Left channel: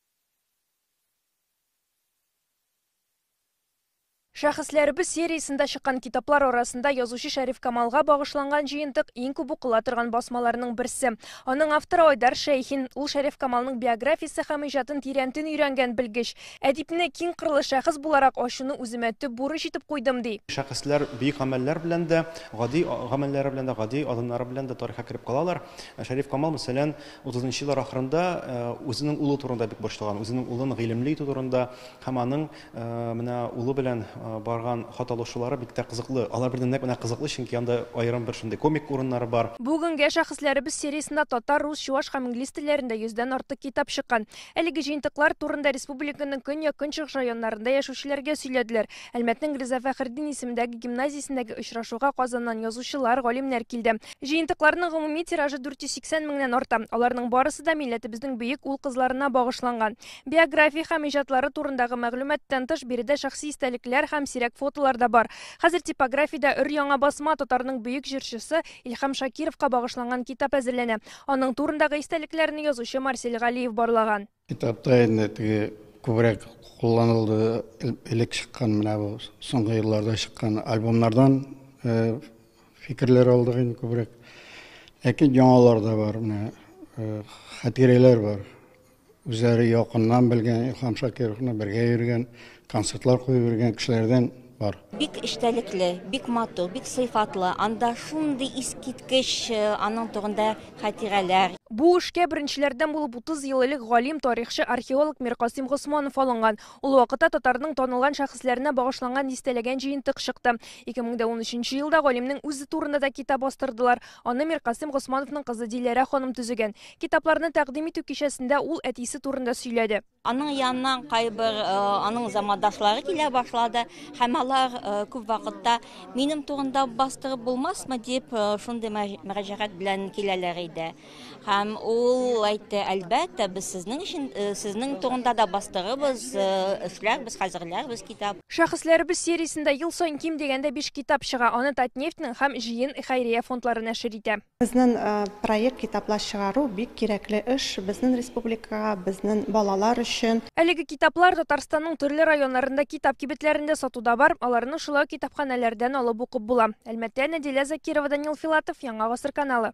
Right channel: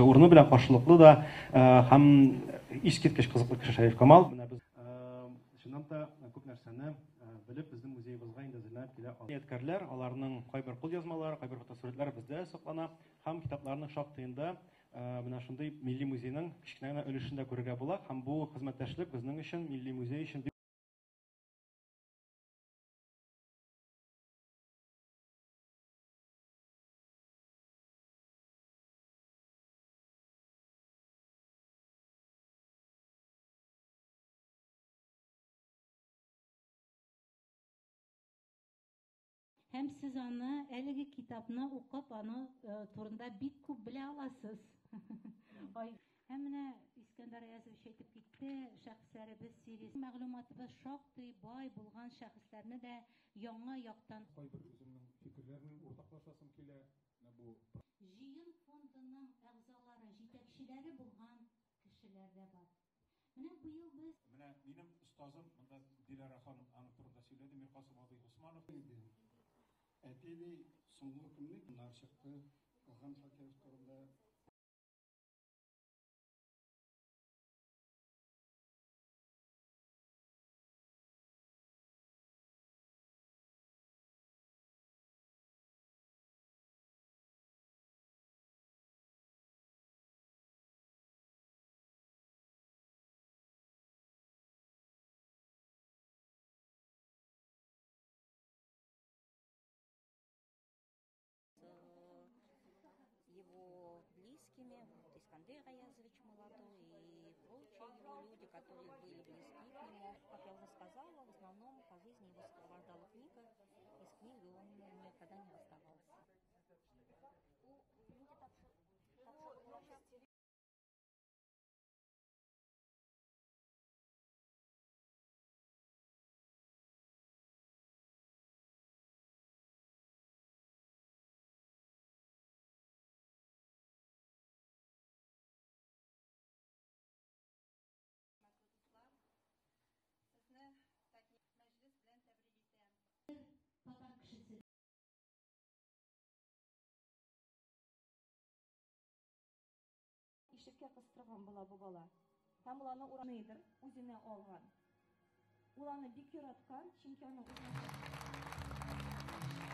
Урыны белән каршылыклы да һәм искиткеч кызыклы кеше Шәриф Камал. Шәхесләребез сериясендә чыккан китаплар арасында язучы Шәриф Камалга багышланган җыентык иң күп укыла торган басмаларның берсе. Аның авторы Айдар Шәйхин, ул Шәриф Камалның биографиясе һәм иҗатын тирәнтен өйрәнгән белгеч. Әдипне киң кырлы шәхес буларак ачуны үземә төп бурыч итеп куйдым ди. Шәхесләр бик гамәлләр белән дә, гади гамәлләре белән дә, гади адымнары белән дә тарихка кереп калалар. Шәриф Камал мәсәлән 30нчы еллар ахырында үзенең улы турында бик борчылган, үзенең улын гыйлемле итү турында һәм аның менә улы белән барган хат алышулары бик тә кызыклы. Алар белән менә кызыклы, чөнки анда аерым бер шундый комик урыннары бар. Бүгенгә шәхесләребез сериясендә татар, рус, чуаш һәм инглиз телләрендә 100дән артык китап чыккан. Әлеге җыентыклар турында республиканың көньяк-көнчыгыш районнарында яшәүчеләргә сөйләделәр. Әлмәтнең Риза Фәхретдин исемендәге гимназиясендәге очрашуга Казаннан язучылар, галимнәр килде. Җыентыкларның гомуми тиражы 480 меңнән арта. Аларның барысы да милләтебезнең бөек ул-кызларына багышланган. Биография һәм иҗатлары турындагы мәгълүматтан тыш биредә шәхси истәлекләр һәм сирәк фотолар да бар. Хәзер типографиядә өр-яңа басма татарның бөек җырчысы Илһам Шакировка багышланган китап әзерләнә. Аның турындагы истәлекләрне язучы Марсель Галиев барлаган. Китапта инде күбрәк кулланылды, элек чыккан менә бу соңгы елларда чыккан альбомнардан фикерләр алдык инде күбрәк. Ләкин яңалар да бар, менә хатирәләр бар. Үзләре якыннан белгән, Илһам Шакировны бергә йөргән, концертлар куеп йөргән кешеләрдән бар. Бик эштәлекле, бик матур, бик сыйфатлы. Анда шундый искиткеч аның турында хатирәләр. Бу эшкә беренчеләрдән булып 30 ел элек галим, тарихчы, археолог Миркасым Госманов алынган. Ул вакытта татарның танылган шәхесләренә багышланган дистәләгән җыентык чыкты. 2013 елда галимнең үзе турында да китап бастырдылар. Аны Миркасым Госмановның кызы Диләрә ханым төзегән. Китапларны тәкъдим итү кичәсендә ул әтисе турында сөйләде. Аның янынан кайбер аның замандашлары килә башлады һәм алар күп вакытта минем турында бастырып булмасмы дип шундый мөрәҗәгать белән киләләр иде. Һәм ул әйтте, әлбәттә, без сезнең турында да бастырыбыз, эшләрбез, хәзерләрбез китап. Шәхесләребез сериясендә ел саен ким дигәндә 5 китап чыга. Аны Татнефтьнең һәм җыен хәйрия фондлары нәшер итә. Безнең проект китаплар чыгару бик кирәкле эш безнең республикага, безнең балалар өчен. Әлеге китаплар Татарстанның төрле районнарында китап кибетләрендә сатуда бар. Аларны шулай китапханәләрдән алып укып була. Әлмәттә Нәдилә Закирова, Данил Филатов, Яңа гасыр каналы.